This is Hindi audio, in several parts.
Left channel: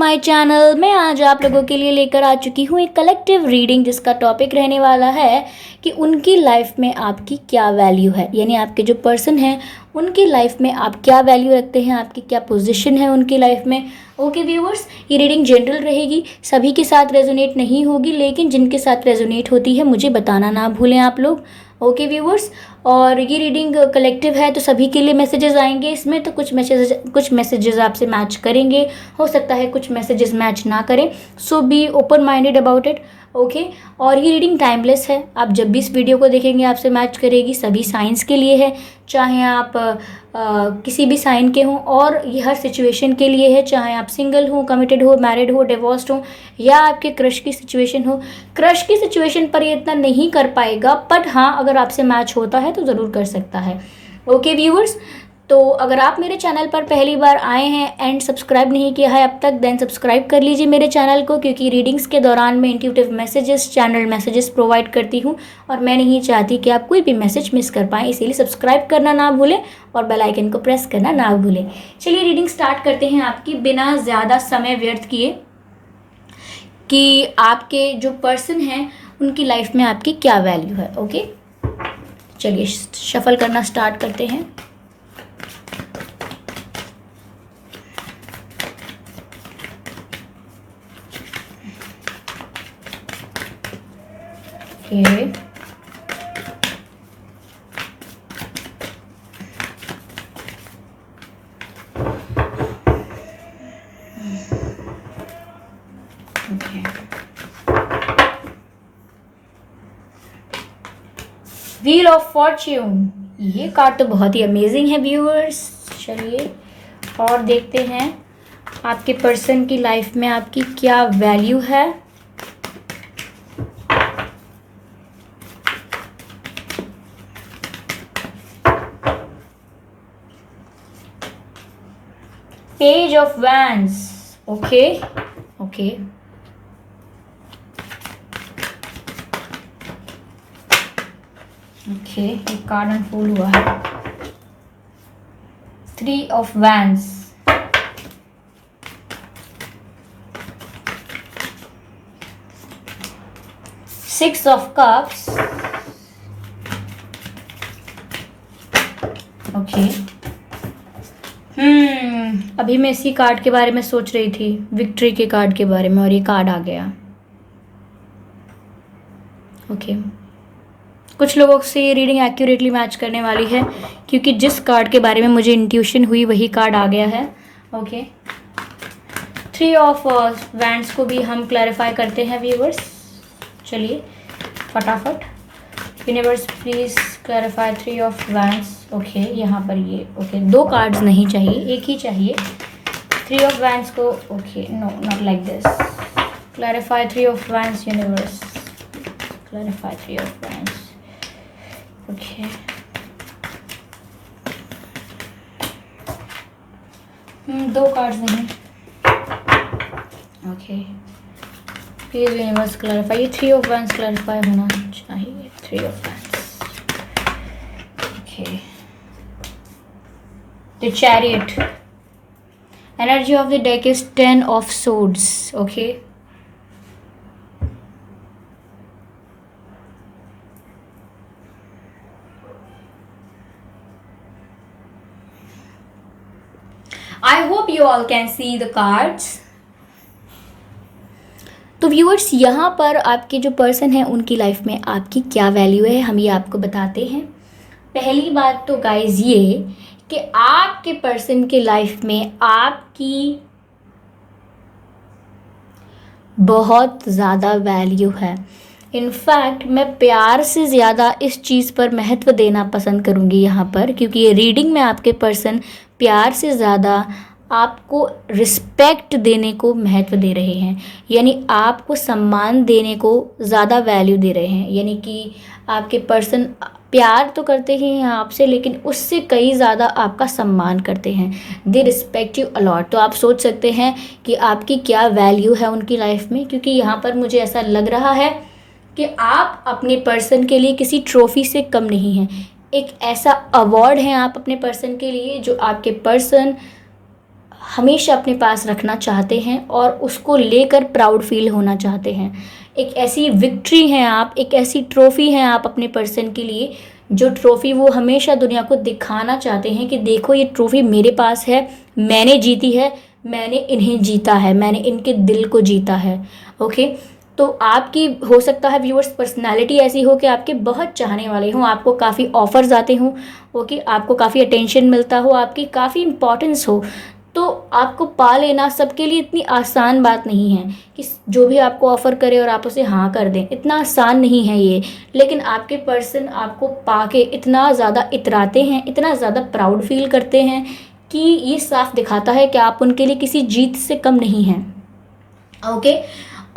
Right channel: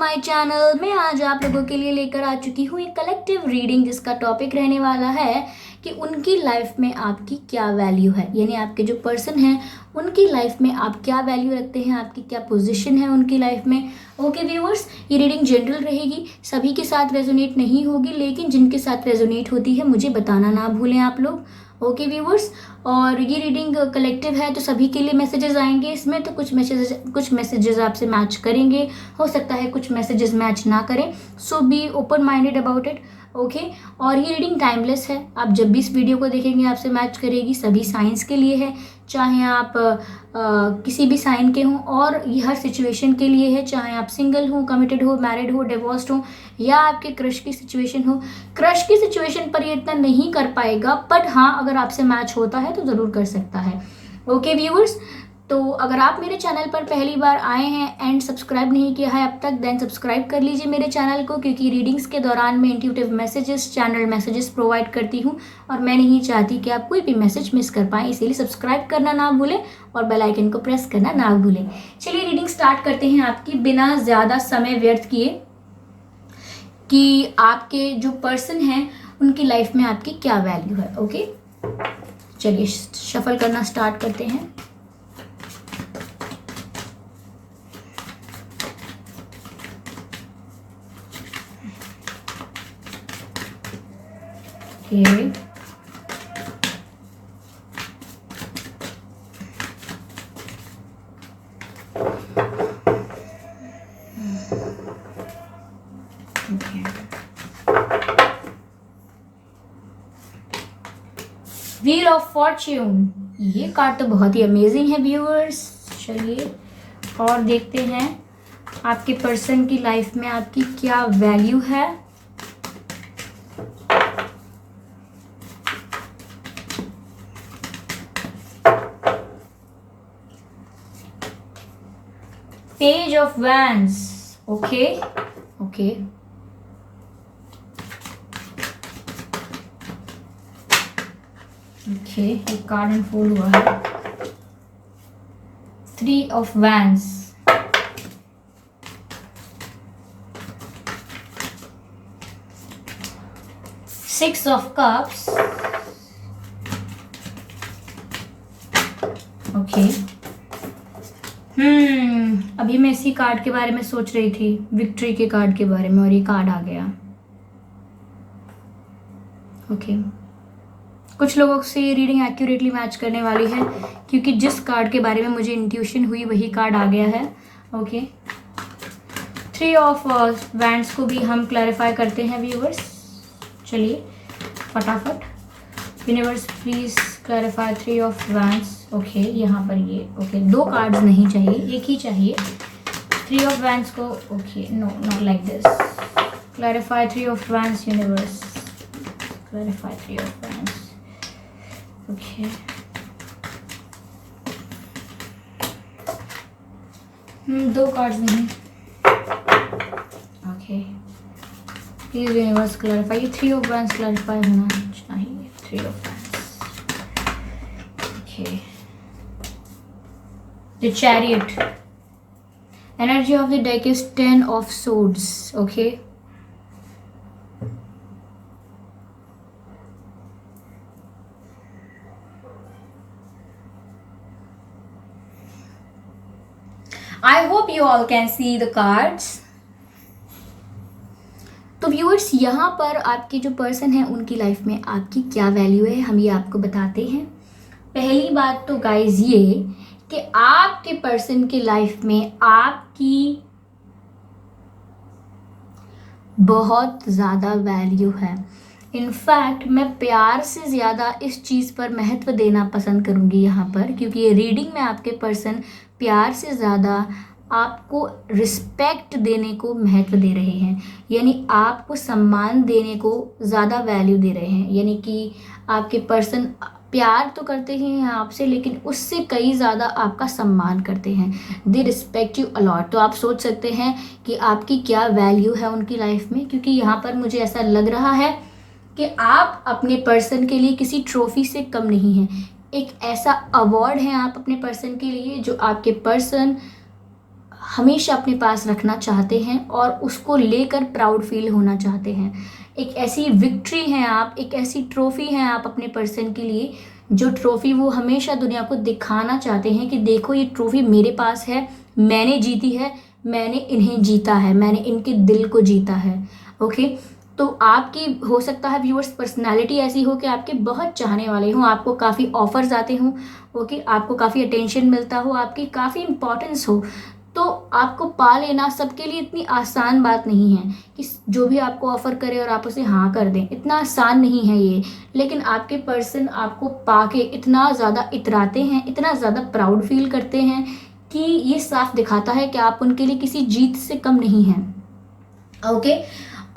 My channel. मैं आज आप लोगों के लिए लेकर आ चुकी हूँ एक कलेक्टिव रीडिंग जिसका टॉपिक रहने वाला है कि उनकी लाइफ में आपकी क्या वैल्यू है, यानी आपके जो पर्सन हैं उनकी लाइफ में आप क्या वैल्यू रखते हैं, आपकी क्या पोजीशन है उनकी लाइफ में। ओके व्यूअर्स, ये रीडिंग जनरल रहेगी, सभी के साथ रेजोनेट नहीं होगी, लेकिन जिनके साथ रेजोनेट होती है मुझे बताना ना भूलें आप लोग। ओके व्यूअर्स, और ये रीडिंग कलेक्टिव है तो सभी के लिए मैसेजेस आएंगे इसमें, तो कुछ मैसेजेस आपसे मैच करेंगे, हो सकता है कुछ मैसेजेस मैच ना करें, so be open minded about it. Okay, और ये रीडिंग टाइमलेस है, आप जब भी इस वीडियो को देखेंगे आपसे मैच करेगी, सभी साइंस के लिए है, चाहे आप किसी भी साइन के हों, और ये हर सिचुएशन के लिए है, चाहे आप सिंगल हो, कमिटेड हो, मैरिड हो, डिवोर्स्ड हो, या आपके क्रश की सिचुएशन हो। क्रश की सिचुएशन पर ये इतना नहीं कर पाएगा, बट हाँ अगर आपसे मैच होता है तो ज़रूर कर सकता है। ओके व्यूअर्स, तो अगर आप मेरे चैनल पर पहली बार आए हैं एंड सब्सक्राइब नहीं किया है अब तक, देन सब्सक्राइब कर लीजिए मेरे चैनल को, क्योंकि रीडिंग्स के दौरान मैं intuitive messages, channel messages provide करती हूँ और मैं नहीं चाहती कि आप कोई भी मैसेज मिस कर पाएँ, इसीलिए सब्सक्राइब करना ना भूलें और बेल आइकन को प्रेस करना ना भूलें। चलिए रीडिंग स्टार्ट करते हैं आपकी बिना ज़्यादा समय व्यर्थ किए कि आपके जो पर्सन हैं उनकी लाइफ में आपकी क्या वैल्यू है। ओके, चलिए शफल करना स्टार्ट करते हैं। Okay. Okay. Wheel of Fortune, ये कार्ड तो बहुत ही अमेजिंग है व्यूअर्स। चलिए और देखते हैं आपके पर्सन की लाइफ में आपकी क्या वैल्यू है। Page of Wands, okay, okay. Okay, ये कार्ड अनफोल्ड हुआ है। 3 of Wands, 6 of Cups, okay. अभी मैं इसी कार्ड के बारे में सोच रही थी, विक्ट्री के कार्ड के बारे में, और ये कार्ड आ गया। ओके, कुछ लोगों से ये रीडिंग एक्यूरेटली मैच करने वाली है, क्योंकि जिस कार्ड के बारे में मुझे इंट्यूशन हुई वही कार्ड आ गया है। ओके, 3 ऑफ वैंड्स को भी हम क्लैरिफाई करते हैं व्यूअर्स। चलिए फटाफट, universe please clarify 3 of wands. Okay, यहाँ पर ये ओके, 2 कार्ड्स नहीं चाहिए, एक ही चाहिए। 3 ऑफ वैंड्स को, okay, no not like this. Clarify 3 of wands universe, clarify 3 of wands. Okay, दो कार्ड्स नहीं। ओके, प्लीज यूनिवर्स क्लैरिफाई, ये 3 ऑफ वैंड्स क्लैरिफाई होना चाहिए। 3 of wands, okay. The Chariot, energy of the deck is 10 of Swords. Okay, I hope you all can see the cards. तो व्यूअर्स, यहाँ पर आपके जो पर्सन हैं उनकी लाइफ में आपकी क्या वैल्यू है, हम ये आपको बताते हैं। पहली बात तो गाइज ये कि आपके पर्सन के लाइफ में आपकी बहुत ज़्यादा वैल्यू है। इनफैक्ट मैं प्यार से ज़्यादा इस चीज़ पर महत्व देना पसंद करूँगी यहाँ पर, क्योंकि ये रीडिंग में आपके पर्सन प्यार से ज़्यादा आपको रिस्पेक्ट देने को महत्व दे रहे हैं, यानी आपको सम्मान देने को ज़्यादा वैल्यू दे रहे हैं। यानी कि आपके पर्सन प्यार तो करते ही हैं आपसे, लेकिन उससे कई ज़्यादा आपका सम्मान करते हैं। दे रिस्पेक्ट यू अलॉट। तो आप सोच सकते हैं कि आपकी क्या वैल्यू है उनकी लाइफ में, क्योंकि यहाँ पर मुझे ऐसा लग रहा है कि आप अपने पर्सन के लिए किसी ट्रॉफी से कम नहीं हैं। एक ऐसा अवार्ड है आप अपने पर्सन के लिए जो आपके पर्सन हमेशा अपने पास रखना चाहते हैं और उसको लेकर प्राउड फील होना चाहते हैं। एक ऐसी विक्ट्री हैं आप, एक ऐसी ट्रॉफ़ी हैं आप अपने पर्सन के लिए, जो ट्रॉफ़ी वो हमेशा दुनिया को दिखाना चाहते हैं कि देखो ये ट्रॉफ़ी मेरे पास है, मैंने जीती है, मैंने इन्हें जीता है, मैंने इनके दिल को जीता है। ओके, तो आपकी हो सकता है व्यूअर्स पर्सनालिटी ऐसी हो कि आपके बहुत चाहने वाले हों, आपको काफ़ी ऑफर्स आते हों, ओके, आपको काफ़ी अटेंशन मिलता हो, आपकी काफ़ी इंपॉर्टेंस हो। तो आपको पा लेना सबके लिए इतनी आसान बात नहीं है कि जो भी आपको ऑफ़र करे और आप उसे हाँ कर दें, इतना आसान नहीं है ये। लेकिन आपके पर्सन आपको पाके इतना ज़्यादा इतराते हैं, इतना ज़्यादा प्राउड फील करते हैं कि ये साफ दिखाता है कि आप उनके लिए किसी जीत से कम नहीं हैं। ओके,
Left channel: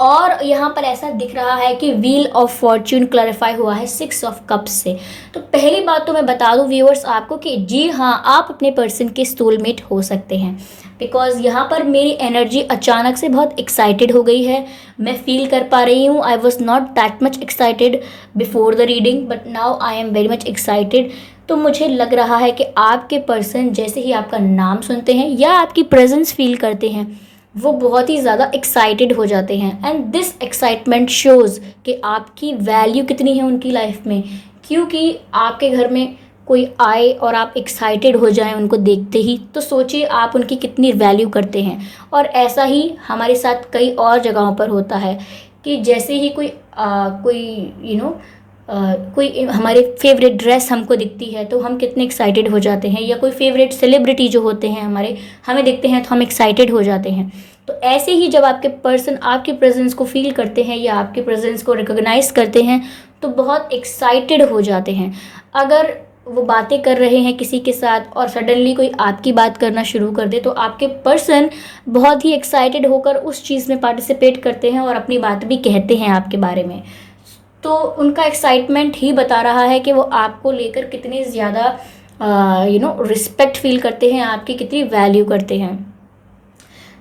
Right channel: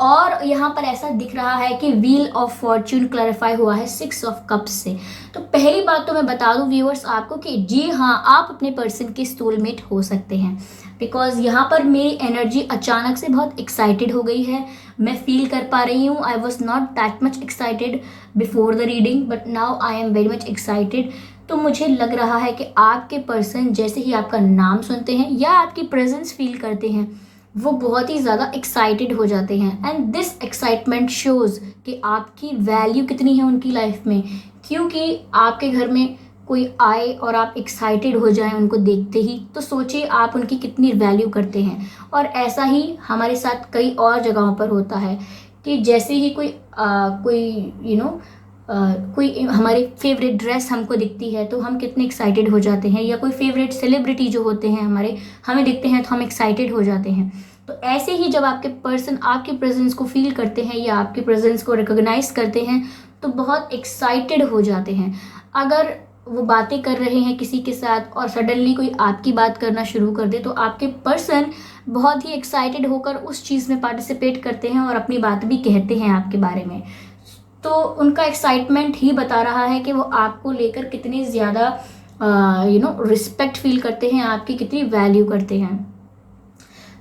और यहाँ पर ऐसा दिख रहा है कि व्हील ऑफ फॉर्च्यून क्लैरिफाई हुआ है 6 ऑफ कप्स से। तो पहली बात तो मैं बता दूँ व्यूअर्स आपको कि जी हाँ, आप अपने पर्सन के सोलमेट हो सकते हैं। बिकॉज यहाँ पर मेरी एनर्जी अचानक से बहुत एक्साइटेड हो गई है, मैं फील कर पा रही हूँ। I was not that much excited before the reading, but now I am very much excited. तो मुझे लग रहा है कि आपके पर्सन जैसे ही आपका नाम सुनते हैं या आपकी प्रेजेंस फील करते हैं, वो बहुत ही ज़्यादा एक्साइटेड हो जाते हैं। एंड दिस एक्साइटमेंट शोज़ कि आपकी वैल्यू कितनी है उनकी लाइफ में। क्योंकि आपके घर में कोई आए और आप एक्साइटेड हो जाएं उनको देखते ही, तो सोचिए आप उनकी कितनी वैल्यू करते हैं। और ऐसा ही हमारे साथ कई और जगहों पर होता है कि जैसे ही कोई हमारे फेवरेट ड्रेस हमको दिखती है तो हम कितने एक्साइटेड हो जाते हैं, या कोई फेवरेट सेलिब्रिटी जो होते हैं हमारे, हमें दिखते हैं तो हम एक्साइटेड हो जाते हैं। तो ऐसे ही जब आपके पर्सन आपकी प्रेजेंस को फील करते हैं या आपकी प्रेजेंस को रिकॉग्नाइज करते हैं तो बहुत एक्साइटेड हो जाते हैं। अगर वो बातें कर रहे हैं किसी के साथ और सडनली कोई आपकी बात करना शुरू कर दे, तो आपके पर्सन बहुत ही एक्साइटेड होकर उस चीज़ में पार्टिसिपेट करते हैं और अपनी बात भी कहते हैं आपके बारे में। तो उनका एक्साइटमेंट ही बता रहा है कि वो आपको लेकर कितनी ज़्यादा रिस्पेक्ट फील करते हैं, आपकी कितनी वैल्यू करते हैं।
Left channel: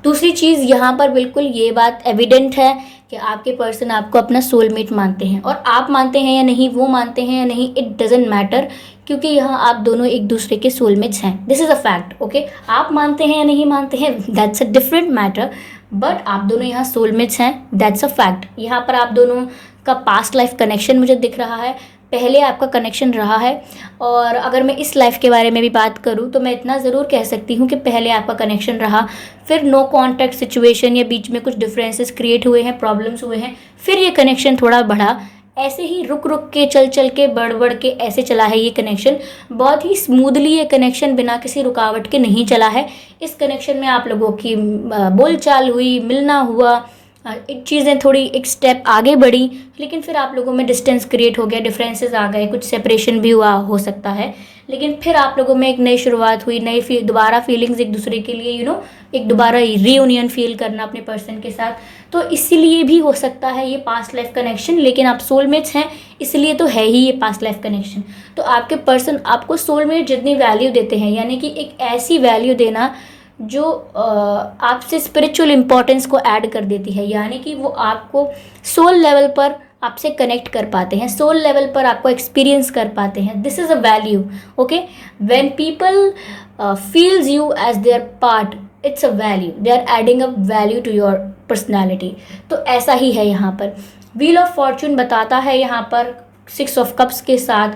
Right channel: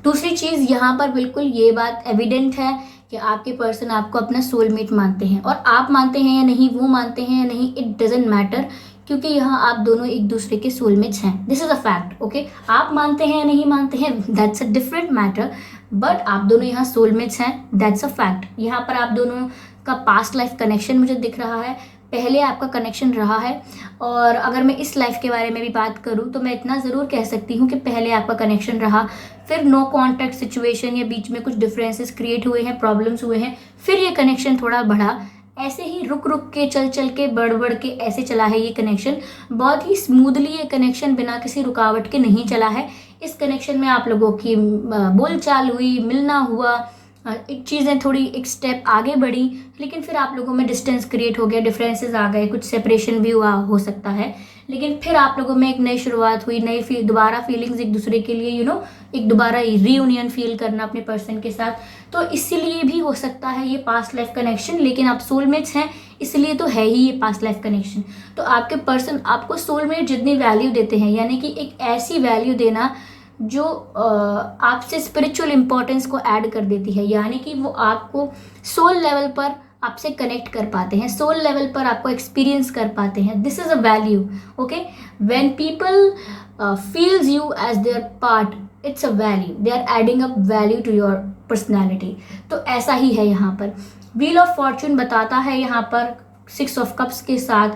दूसरी चीज़ यहाँ पर बिल्कुल ये बात एविडेंट है कि आपके पर्सन आपको अपना सोलमेट मानते हैं, और आप मानते हैं या नहीं, वो मानते हैं या नहीं, इट डजेंट मैटर, क्योंकि यहाँ आप दोनों एक दूसरे के सोलमेट्स हैं। This is a fact. Okay, आप मानते हैं या नहीं मानते हैं, that's a different matter, but आप दोनों यहाँ सोलमेट्स हैं, दैट्स अ फैक्ट। यहाँ पर आप दोनों का पास्ट लाइफ कनेक्शन मुझे दिख रहा है, पहले आपका कनेक्शन रहा है। और अगर मैं इस लाइफ के बारे में भी बात करूँ तो मैं इतना ज़रूर कह सकती हूँ कि पहले आपका कनेक्शन रहा, फिर नो कॉन्टैक्ट सिचुएशन या बीच में कुछ डिफरेंसेस क्रिएट हुए हैं, प्रॉब्लम्स हुए हैं, फिर ये कनेक्शन थोड़ा बढ़ा। ऐसे ही रुक रुक के, चल चल के, बढ़ बढ़ के ऐसे चला है ये कनेक्शन। बहुत ही स्मूथली ये कनेक्शन बिना किसी रुकावट के नहीं चला है। इस कनेक्शन में आप लोगों की बोलचाल हुई, मिलना हुआ, एक चीज़ें थोड़ी एक स्टेप आगे बढ़ी, लेकिन फिर आप लोगों में डिस्टेंस क्रिएट हो गया, डिफरेंसेस आ गए, कुछ सेपरेशन भी हुआ हो सकता है, लेकिन फिर आप लोगों में एक नई शुरुआत हुई, नई दोबारा फीलिंग्स एक दूसरे के लिए, एक दोबारा रीयूनियन फील करना अपने पर्सन के साथ। तो इसीलिए भी हो सकता है ये पास्ट लाइफ कनेक्शन, लेकिन आप सोलमेट्स हैं इसलिए तो है ही ये पास्ट लाइफ कनेक्शन। तो आपके पर्सन आपको सोलमेट जितनी वैल्यू देते हैं, यानी कि एक ऐसी वैल्यू देना जो आपसे स्पिरिचुअल इम्पोर्टेंस को ऐड कर देती है, यानी कि वो आपको सोल लेवल पर आपसे कनेक्ट कर पाते हैं, सोल लेवल पर आपको एक्सपीरियंस कर पाते हैं। This is a value. Okay, when people feels you as their part, it's a value, they are adding a value to your personality. तो ऐसा ही है यहाँ पर। व्हील ऑफ फॉर्च्यून बताता है यहाँ पर 6 ऑफ कप्स के साथ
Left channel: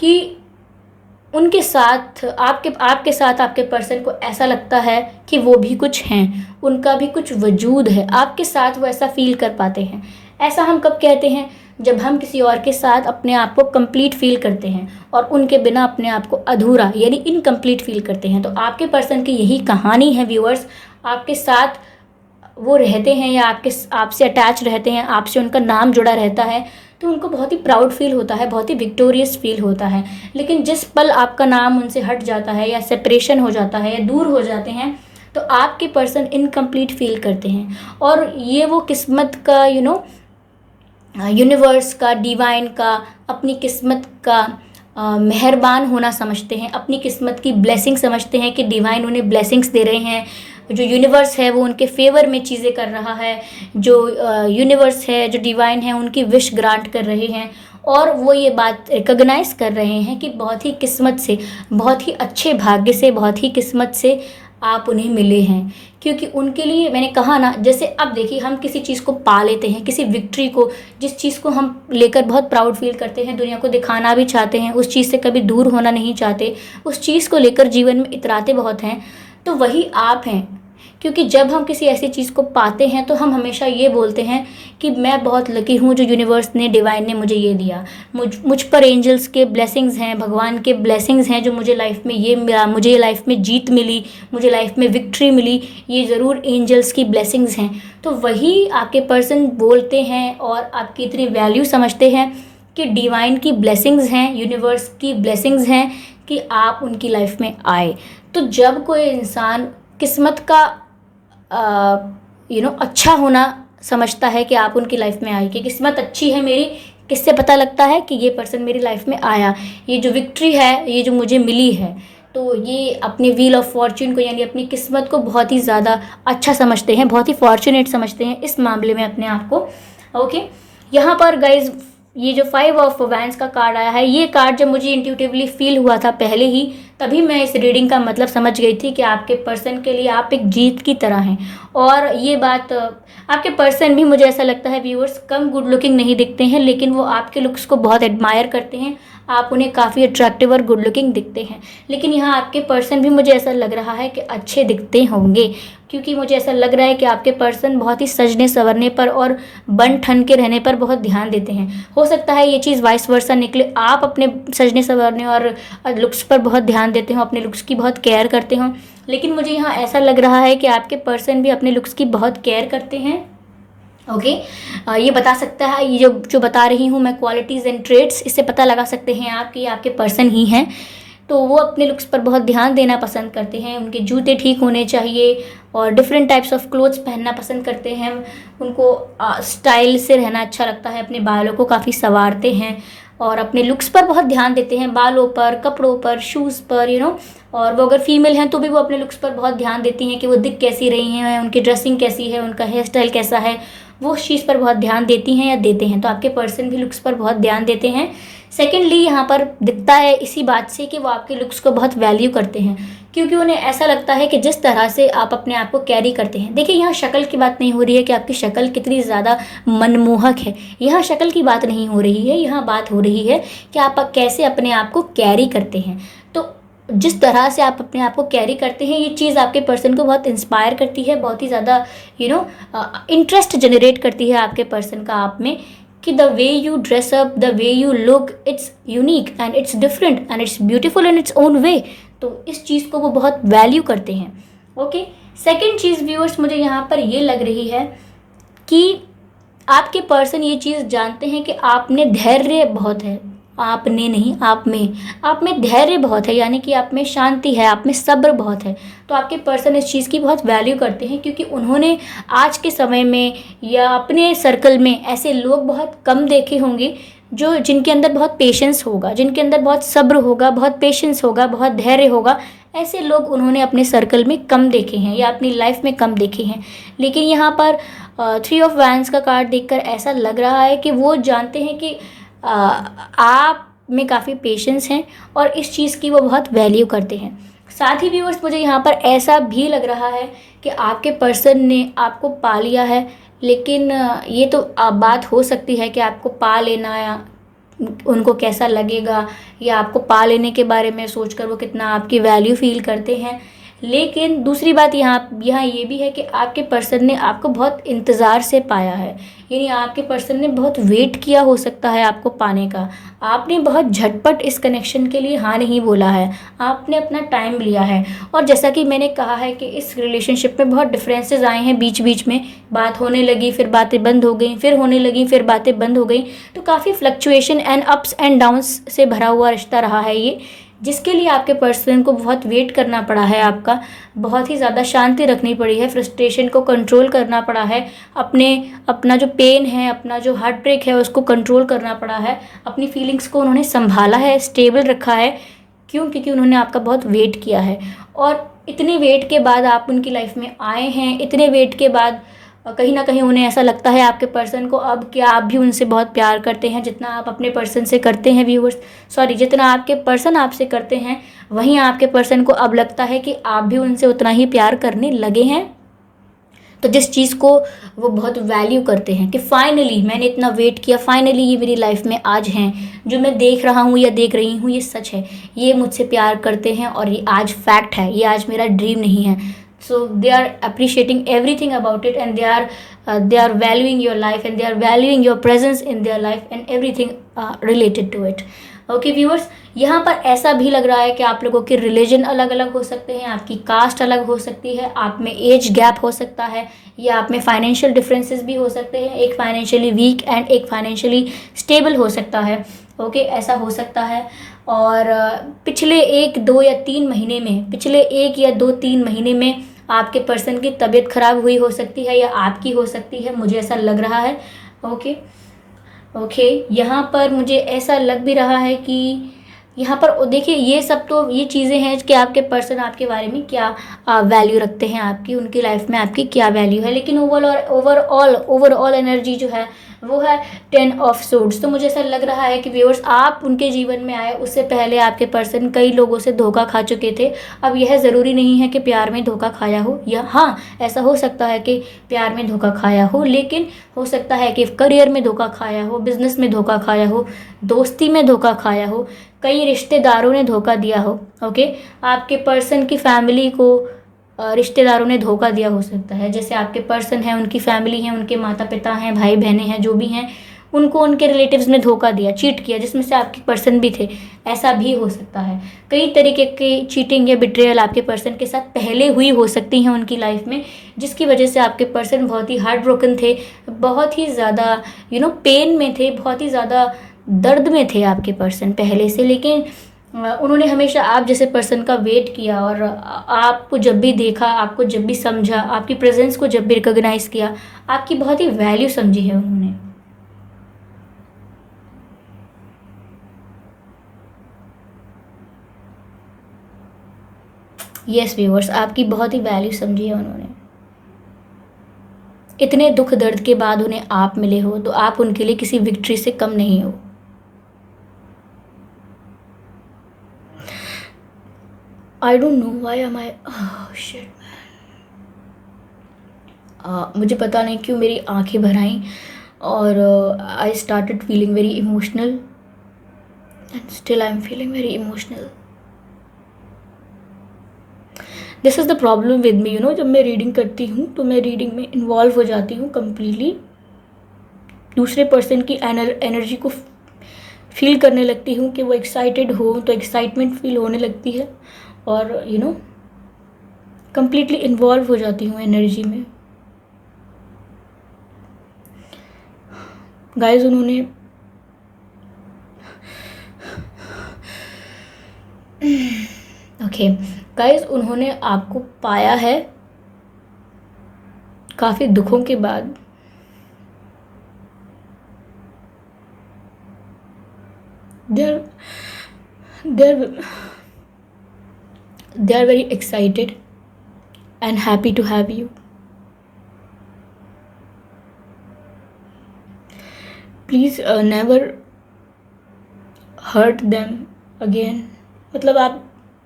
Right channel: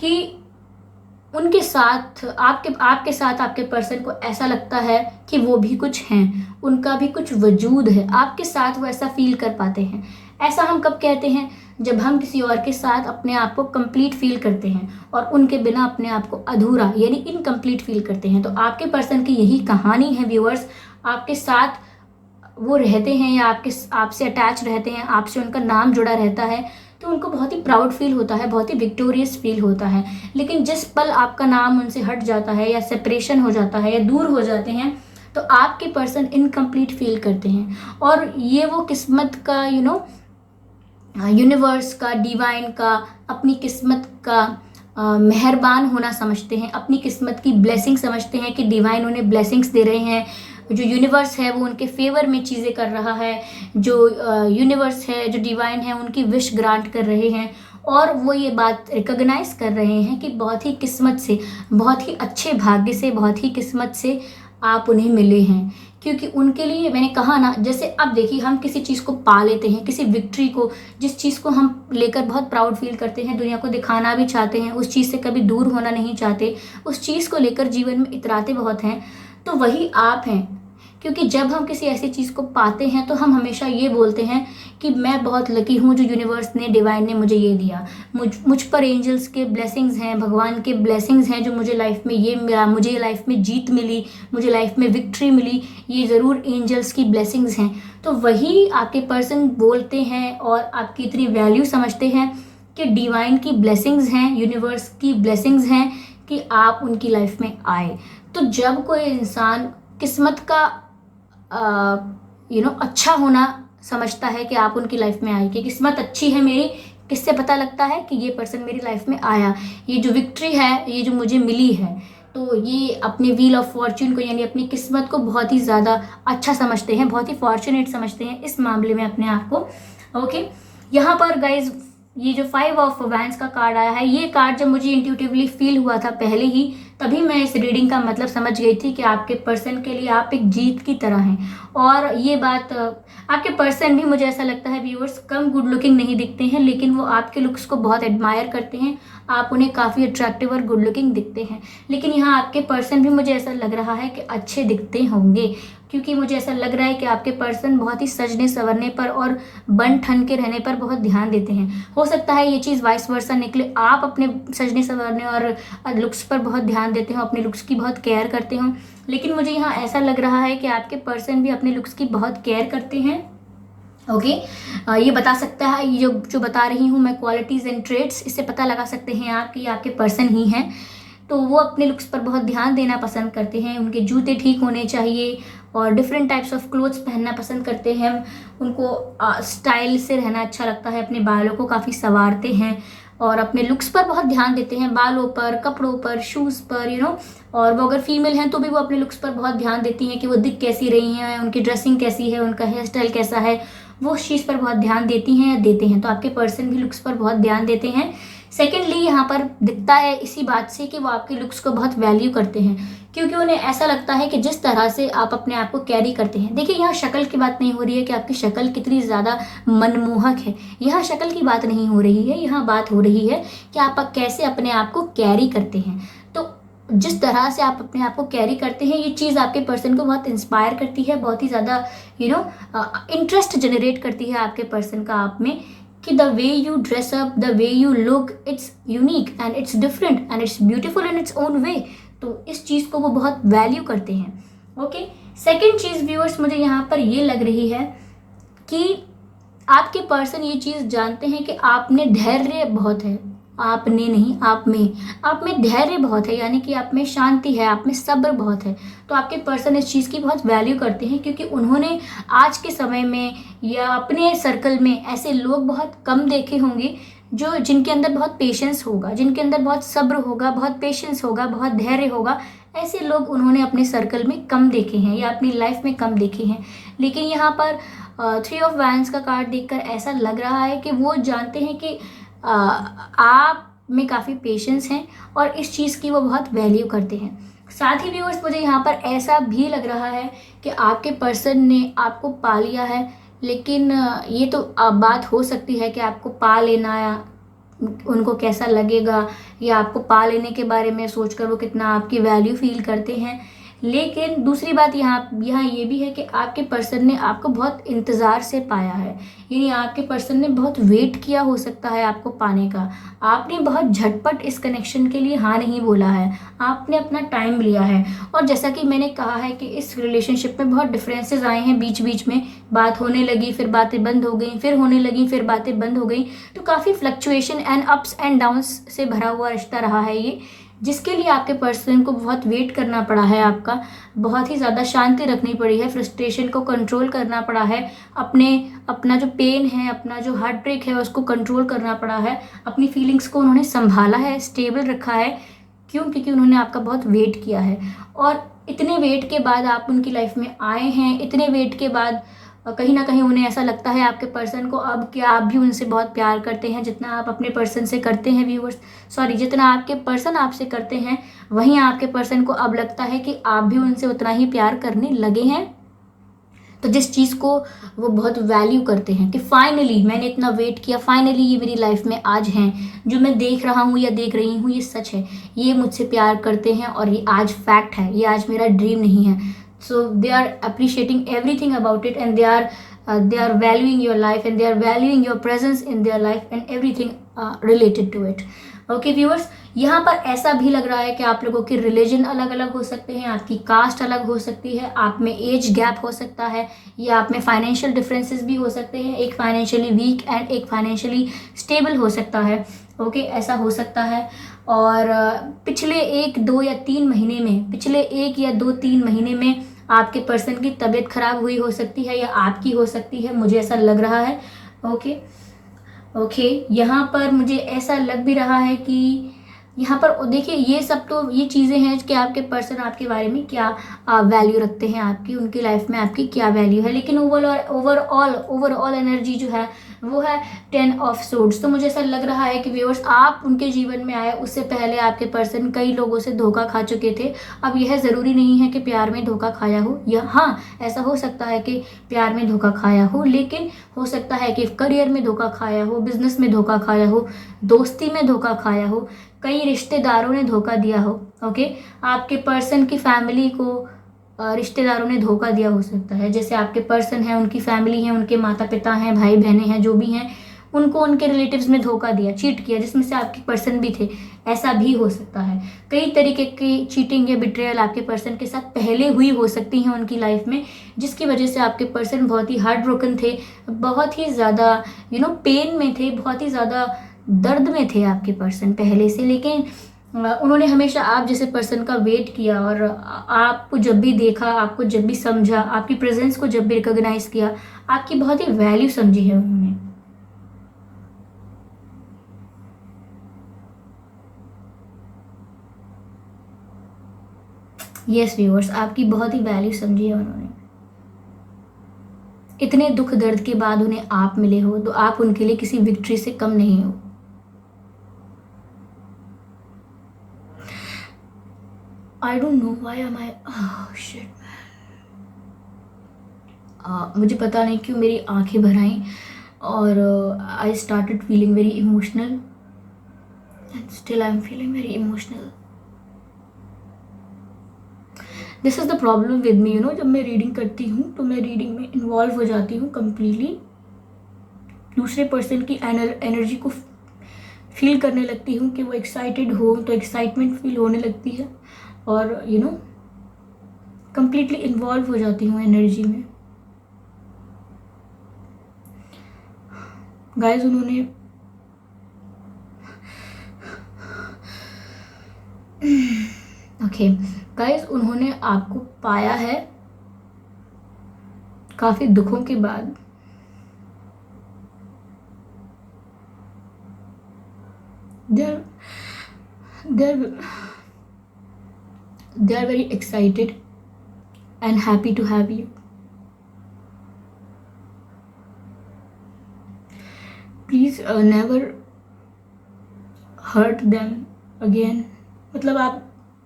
कि उनके साथ आपके साथ आपके पर्सन को ऐसा लगता है कि वो भी कुछ हैं, उनका भी कुछ वजूद है, आपके साथ वो ऐसा फील कर पाते हैं। ऐसा हम कब कहते हैं, जब हम किसी और के साथ अपने आप को कंप्लीट फील करते हैं और उनके बिना अपने आप को अधूरा यानी इनकम्प्लीट फील करते हैं। तो आपके पर्सन की यही कहानी है व्यूअर्स। आपके साथ वो रहते हैं या आपसे अटैच रहते हैं, आपसे उनका नाम जुड़ा रहता है, तो उनको बहुत ही प्राउड फील होता है, बहुत ही विक्टोरियस फील होता है। लेकिन जिस पल आपका नाम उनसे हट जाता है या सेपरेशन हो जाता है या दूर हो जाते हैं, तो आपके पर्सन इनकम्प्लीट फील करते हैं। और ये वो किस्मत का यूनिवर्स का, डिवाइन का, अपनी किस्मत का मेहरबान होना समझते हैं, अपनी किस्मत की ब्लेसिंग समझते हैं कि डिवाइन उन्हें ब्लेसिंग्स दे रहे हैं, जो यूनिवर्स है वो उनके फेवर में चीज़ें कर रहा है, जो यूनिवर्स है, जो डिवाइन है, उनकी विश ग्रांट कर रहे हैं। और वो ये बात रिकॉग्नाइज कर रहे हैं कि बहुत ही किस्मत से, बहुत ही अच्छे भाग्य से, बहुत ही किस्मत से आप उन्हें मिले हैं। क्योंकि उनके लिए मैंने कहा ना, जैसे अब देखिए हम किसी चीज़ को पा लेते हैं, किसी विक्ट्री को, जिस चीज़ को हम लेकर बहुत प्राउड फील करते हैं, दुनिया को दिखाना भी चाहते हैं, उस चीज़ से कभी दूर होना नहीं चाहते, उस चीज़ को लेकर जीवन में इतराते बहुत हैं, तो वही आप हैं। क्योंकि जब हम किसी ऐसी चीज़ को पाते हैं तो हम हमेशा ये बोलते हैं कि मैं बहुत लकी हूँ जो यूनिवर्स ने, डिवाइन ने मुझे ये दिया, मुझ पर एंजल्स के ब्लेसिंग्स हैं, भगवान के ब्लेसिंग्स हैं जो मुझे लाइफ में ये मिला, मुझे लाइफ में जीत मिली, मुझे लाइफ में विक्ट्री मिली, ये ज़रूर एंजल्स की ब्लेसिंग्स हैं। तो वही आपके पर्सन बोलते हैं और आपकी इतनी वैल्यू समझते हैं कि डिवाइन की ब्लेसिंग्स हैं, यूनिवर्स की ब्लेसिंग्स हैं कि आप उनकी लाइफ में आए। तो जब कोई इंसान किस्मत का अच्छा होना समझता है कि आप उनकी लाइफ में आए, कि किस्मत अच्छी है मेरी, किससे पता लगता है कि ये पर्सन मेरी लाइफ में आया, ये जो विक्ट्री है, ये जो मुझे मिली है, तो ये अपनी व्हील ऑफ फॉर्च्यून को यानी अपनी किस्मत को बहुत ही ज़्यादा अच्छा समझते हैं, बहुत ही फॉर्चुनेट समझते हैं इस मामले में अपने आप को। ओके, यहाँ पर गाइज ये जो 5 ऑफ वैंड्स का कार्ड आया है, ये कार्ड जब मुझे इंट्यूटिवली फील हुआ था पहले ही, तभी मैं इस रीडिंग का मतलब समझ गई थी कि आपके पर्सन के लिए आप एक जीत की तरह हैं। और ये बात आपके पर्सन भी, मुझे ऐसा लगता है व्यूअर्स, कम गुड लुकिंग नहीं दिखते हैं, लेकिन वो आपके लुक्स को बहुत एडमायर करते हैं, आप उन्हें काफ़ी अट्रैक्टिव और गुड लुकिंग दिखते हैं। लेकिन यहाँ आपके पर्सन भी मुझे ऐसा लग रहा है कि अच्छे दिखते होंगे, क्योंकि मुझे ऐसा लग रहा है कि आपके पर्सन बहुत ही सजने संवरने पर और बन ठन के रहने पर बहुत ध्यान देते हैं। हो सकता है ये चीज़ वाइस वर्सा निकले, आप अपने सजने संवरने और लुक्स पर बहुत ध्यान देते हो, अपने लुक्स की बहुत केयर करते हो, लेकिन मुझे यहाँ ऐसा लग रहा है कि आपके पर्सन भी अपने लुक्स की बहुत केयर करते हैं। ओके, ये बता सकता है, ये जो बता रही हूँ मैं क्वालिटीज़ एंड ट्रेड्स, इससे पता लगा सकते हैं आप कि आपके पर्सन ही हैं। तो वो अपने लुक्स पर बहुत ध्यान देना पसंद करते हैं, उनके जूते ठीक होने चाहिए और डिफरेंट टाइप्स ऑफ क्लोथ्स पहनना पसंद करते हैं, उनको स्टाइल से रहना अच्छा लगता है, अपने बालों को काफ़ी संवारते हैं और अपने लुक्स पर बहुत ध्यान देते हैं, बालों पर, कपड़ों पर, शूज़ पर, और वो अगर फीमेल हैं तो भी वो अपने लुक्स पर बहुत ध्यान देती हैं कि वो दिख कैसी रही हैं, उनकी ड्रेसिंग कैसी है, उनका हेयर स्टाइल कैसा है, वो उस चीज़ पर बहुत ध्यान देती हैं या देते हैं। तो आपके पर्सन भी लुक्स पर बहुत ध्यान देते हैं। सेकेंडली यहाँ पर दिखता है इसी बात से कि वो आपके लुक्स को बहुत वैल्यू करते हैं, क्योंकि उन्हें ऐसा लगता है कि जिस तरह से आप अपने आप को कैरी करते हैं, देखिए यहाँ शक्ल की बात नहीं हो रही है कि आपकी शक्ल कितनी ज़्यादा मनमोहक है, यहाँ शक्ल की बात नहीं हो रही है, यहाँ बात हो रही है कि आप कैसे अपने आप को कैरी करते हैं। तो जिस तरह से आप अपने आप को कैरी करते हैं, ये चीज़ आपके पर्सन को बहुत इंस्पायर करती है, बहुत ही ज़्यादा इंटरेस्ट जनरेट करती है आपके पर्सन का आप में, कि the way you dress up, the way you look, it's unique and it's different and it's beautiful in its own way. तो इस चीज़ को वो बहुत वैल्यू करते हैं। ओके, सेकेंड चीज़ व्यूअर्स मुझे यहाँ पर ये लग रही है कि आपके पर्सन ये चीज़ जानते हैं कि आप में धैर्य बहुत है, आपने नहीं, आप में धैर्य बहुत है, यानी कि आप में शांति है, आप में सब्र बहुत है। तो आपके पर्सन इस चीज़ की बहुत वैल्यू करते हैं, क्योंकि उन्होंने आज के समय में या अपने सर्कल में ऐसे लोग बहुत कम देखे होंगे जिनके अंदर बहुत पेशेंस होगा, जिनके अंदर बहुत सब्र होगा, बहुत पेशेंस होगा, बहुत धैर्य होगा। ऐसे लोग उन्होंने अपने सर्कल में कम देखे हैं या अपनी लाइफ में कम देखे हैं। लेकिन यहाँ पर 3 ऑफ वैंड्स का कार्ड देखकर ऐसा लग रहा है कि वो जानते हैं कि आप में काफ़ी पेशेंस हैं और इस चीज़ की वो बहुत वैल्यू करते हैं। साथ ही व्यूअर्स मुझे यहाँ पर ऐसा भी लग रहा है कि आपके पर्सन ने आपको पा लिया है, लेकिन ये तो बात हो सकती है कि आपको पा लेना या उनको कैसा लगेगा, या आपको पा लेने के बारे में सोचकर वो कितना आपकी वैल्यू फील करते हैं। लेकिन दूसरी बात यहाँ ये भी है कि आपके पर्सन ने आपको बहुत इंतज़ार से पाया है, यानी आपके पर्सन ने बहुत वेट किया हो सकता है आपको पाने का। आपने बहुत झटपट इस कनेक्शन के लिए हाँ नहीं बोला है, आपने अपना टाइम लिया है। और जैसा कि मैंने कहा है कि इस रिलेशनशिप में बहुत डिफरेंसेस आए हैं, बीच बीच में बात होने लगी, फिर बातें बंद हो गई, फिर होने लगी, फिर बातें बंद हो गई। तो काफ़ी fluctuation and ups and downs से भरा हुआ रिश्ता रहा है ये, जिसके लिए आपके पर्सन को बहुत वेट करना पड़ा है, आपका बहुत ही ज़्यादा शांति रखनी पड़ी है, फ्रस्ट्रेशन को कंट्रोल करना पड़ा है, अपना जो पेन है, अपना जो हार्ट ब्रेक है उसको कंट्रोल करना पड़ा है, अपनी फीलिंग्स को उन्होंने संभाला है, स्टेबल रखा है। क्यों? क्योंकि उन्होंने आपका बहुत वेट किया है। और इतने वेट के बाद आप उनकी लाइफ में आए हैं, इतने वेट के बाद और कहीं ना कहीं उन्हें ऐसा लगता है आपके पर्सन को अब कि आप भी उनसे बहुत प्यार करते हैं जितना आप अपने पर्सन से करते हैं व्यूअर्स, सॉरी, जितना आपके पर्सन आपसे करते हैं वहीं आपके पर्सन को अब लगता है कि आप भी उनसे उतना ही प्यार करने लगे हैं। तो जिस चीज़ को वो बहुत वैल्यू करते हैं कि फाइनली मैंने इतना वेट किया, फाइनली ये मेरी लाइफ में आज हैं, जो मैं देख रहा हूँ या देख रही हूँ ये सच है, ये मुझसे प्यार करते हैं और ये आज फैक्ट है, ये आज मेरा ड्रीम नहीं है। So they are appreciating everything about it and they are valuing your life and they are valuing your presence in their life and everything related to it. Okay viewers, यहाँ पर ऐसा भी लग रहा है कि आप लोगों के रिलीजन अलग अलग हो सकते हैं, आपकी कास्ट अलग हो सकती है, आप में एज गैप हो सकता है, या आप में फाइनेंशियल डिफरेंसेस भी हो सकते हैं, एक फाइनेंशियली वीक एंड एक फाइनेंशियली स्टेबल हो सकता है। ओके, ऐसा हो सकता है। और पिछले 1-2 या 3 महीने में, पिछले 1 या 2-3 महीने में आपके पर्सन की तबीयत खराब हुई हो सकती है या आपकी हो सकती है, मुझे ऐसा लग रहा है। ओके, यहाँ पर मुझे ऐसा लग भी रहा है कि यहाँ पर देखिए, ये सब तो ये चीज़ें हैं कि आपके पर्सन आपके बारे में क्या वैल्यू रखते हैं, आपकी उनकी लाइफ में आपकी क्या वैल्यू है। लेकिन ओवरऑल एनर्जी जो है वो है 10 ऑफ सोर्ड्स। तो मुझे ऐसा लग रहा है कि व्यूअर्स, आप उनके जीवन में आए उससे पहले आपके पर्सन कई लोगों से धोखा खा चुके थे। अब यह ज़रूरी नहीं है कि प्यार में धोखा खाया हो, या हाँ, ऐसा हो सकता है कि प्यार में धोखा खाया हो, लेकिन हो सकता है कि करियर में धोखा खाया हो, बिजनेस में धोखा खाया हो, दोस्ती में धोखा खाया हो, कई रिश्तेदारों ने धोखा दिया हो। ओके, आपके पर्सन की फैमिली को रिश्तेदारों ने धोखा दिया हो सकता है। जैसे आपके पर्सन हैं, उनकी फैमिली है, उनके माता पिता हैं, भाई बहनें हैं, जो भी हैं, उनको उनके रिलेटिव्स ने धोखा दिया, चीट किया, जिसमें से आपके पर्सन भी थे। ऐसा भी हो सकता है। कई तरीके की चीटिंग या बिट्रेयल आपके पर्सन के साथ पहले हुई हो सकती हैं उनकी लाइफ में, जिसकी वजह से आपके पर्सन बहुत ही हार्ट ब्रोकन थे, बहुत ही ज़्यादा पेन में थे, बहुत ही ज़्यादा दर्द में थे आपके पर्सन पहले से। लेकिन उन्होंने हमेशा आप जैसे पर्सन का वेट किया और आपको जब भी देखा, आपको जब भी समझा, आपकी प्रेजेंस को जब भी रिकॉग्नाइज किया, आपकी बहुत ही वैल्यू समझी है उन्होंने। यस व्यूअर्स, आपकी बहुत ही वैल्यू समझी है उन्होंने। इतने दुख दर्द के बाद उन्हें आप मिले हो तो आप उनके लिए किसी विक्ट्री से कम नहीं हो। I don't know why am I shit, मुझे पता नहीं क्यों मेरी आंखें भर आईं और I started feeling very emotional and still I am feeling very emotional. This is the problem with me, जब मैं रीडिंग करती हूँ तो मैं रीडिंग में इन्वॉल्व हो जाती हूँ कम्प्लीटली, दूसरे पर्सन की एनर्जी को फील करने लगती हूँ कि वो एक्साइटेड हो तो एक्साइटमेंट फील होने लगती है, और कम्प्लीटली इन्वॉल्व हो जाती हूँ एनर्जी में। गाइस, उन्होंने गाइस, उन्होंने आपको पाया है काफ़ी दुखों के बाद। they are very excited and happy to have you. Please never hurt them again. मतलब आप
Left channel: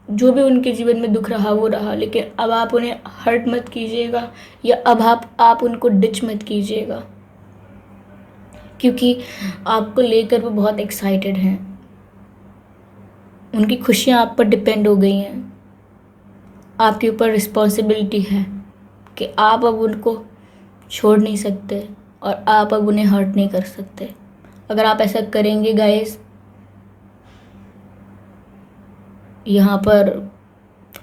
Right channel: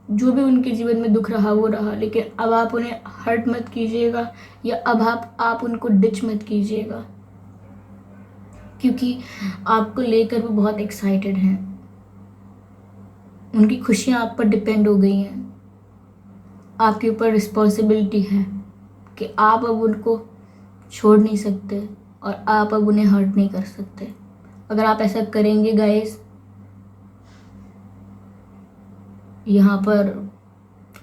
जो भी उनके जीवन में दुख रहा वो रहा, लेकिन अब आप उन्हें हर्ट मत कीजिएगा, या अब आप उनको डिच मत कीजिएगा, क्योंकि आपको लेकर वो बहुत एक्साइटेड हैं। उनकी खुशियाँ आप पर डिपेंड हो गई हैं। आपके ऊपर रिस्पॉन्सिबिलिटी है कि आप अब उनको छोड़ नहीं सकते और आप अब उन्हें हर्ट नहीं कर सकते। अगर आप ऐसा करेंगे गाइस, यहाँ पर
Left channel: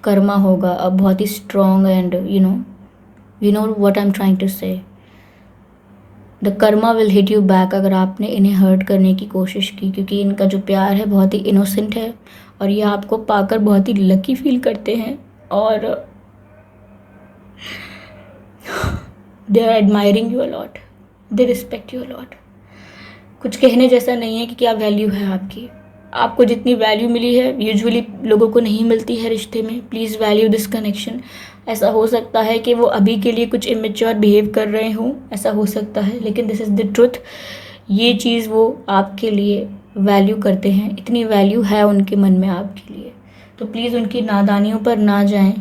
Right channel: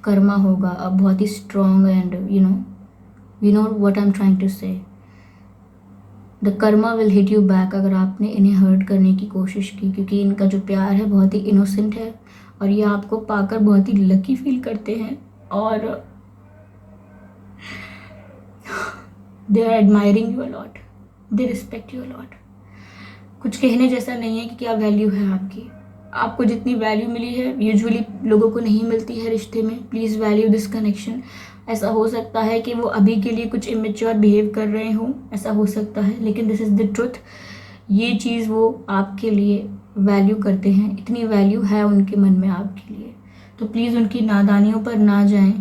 कर्मा होगा अब बहुत ही strong and you know what I am trying to say, the karma will hit you back अगर आपने इन्हें हर्ट करने की कोशिश की, क्योंकि इनका जो प्यार है बहुत ही इनोसेंट है और ये आपको पाकर बहुत ही लकी फील करते हैं, और they are admiring you a lot, they respect you a lot. कुछ कहने जैसा नहीं है कि क्या वैल्यू है आपकी। आपको जितनी वैल्यू मिली है यूजुअली लोगों को नहीं मिलती है रिश्ते में। Please value this connection. ऐसा हो सकता है कि वो अभी के लिए कुछ इमेच्योर बिहेव कर रहे हों, ऐसा हो सकता है, लेकिन दिस इज़ द ट्रुथ। ये चीज़ वो आपके लिए वैल्यू करते हैं, इतनी वैल्यू है उनके मन में आपके लिए। तो प्लीज़ उनकी नादानियों पर ना जाएं,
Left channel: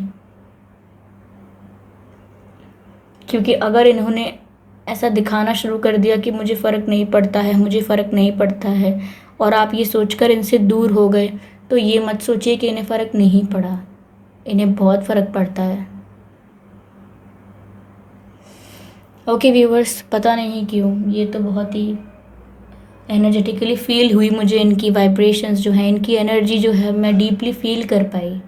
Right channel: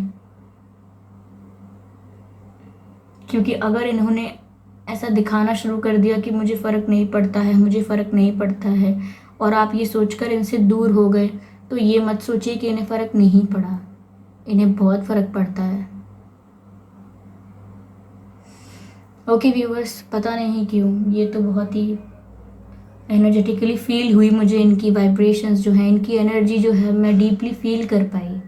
क्योंकि अगर इन्होंने ऐसा दिखाना शुरू कर दिया कि मुझे फ़र्क नहीं पड़ता है, मुझे फ़र्क नहीं पड़ता है, और आप ये सोचकर इनसे दूर हो गए, तो ये मत सोचिए कि इन्हें फ़र्क नहीं पड़ा। इन्हें बहुत फ़र्क पड़ता है। ओके व्यूवर्स, पता नहीं क्यों ये तो बहुत ही एनर्जेटिकली फील हुई मुझे, इनकी वाइब्रेशंस जो हैं, इनकी एनर्जी जो है मैं डीपली फील कर पाई।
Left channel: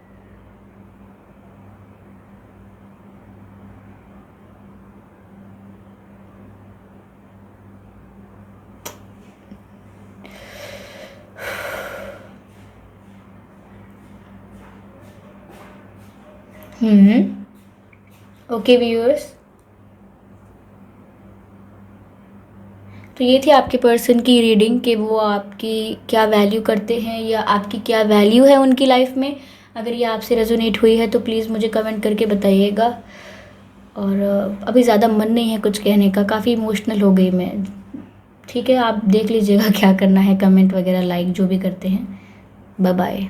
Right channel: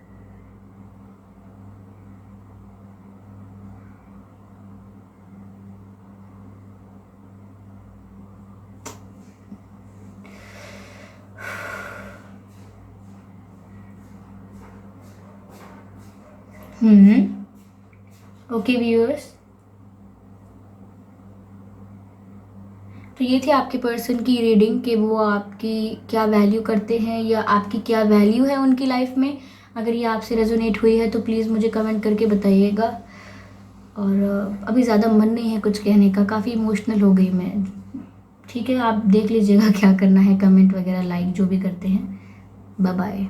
ओके व्यूअर्स, तो ये थी आपके पर्सन की रीडिंग कि वो आपकी क्या वैल्यू करते हैं या आपकी क्या वैल्यू है उनकी लाइफ में। अगर ये आपसे रेजोनेट हुई है तो प्लीज़ मुझे कमेंट करके बताइएगा। और अभी ज़्यादा मन नहीं है कुछ कहने का, काफ़ी इमोशनल हो गई मैं। ठीक है, आप देख लीजिएगा क्या करना है, कमेंट वगैरह लाइक जो भी करते हैं। Bye bye.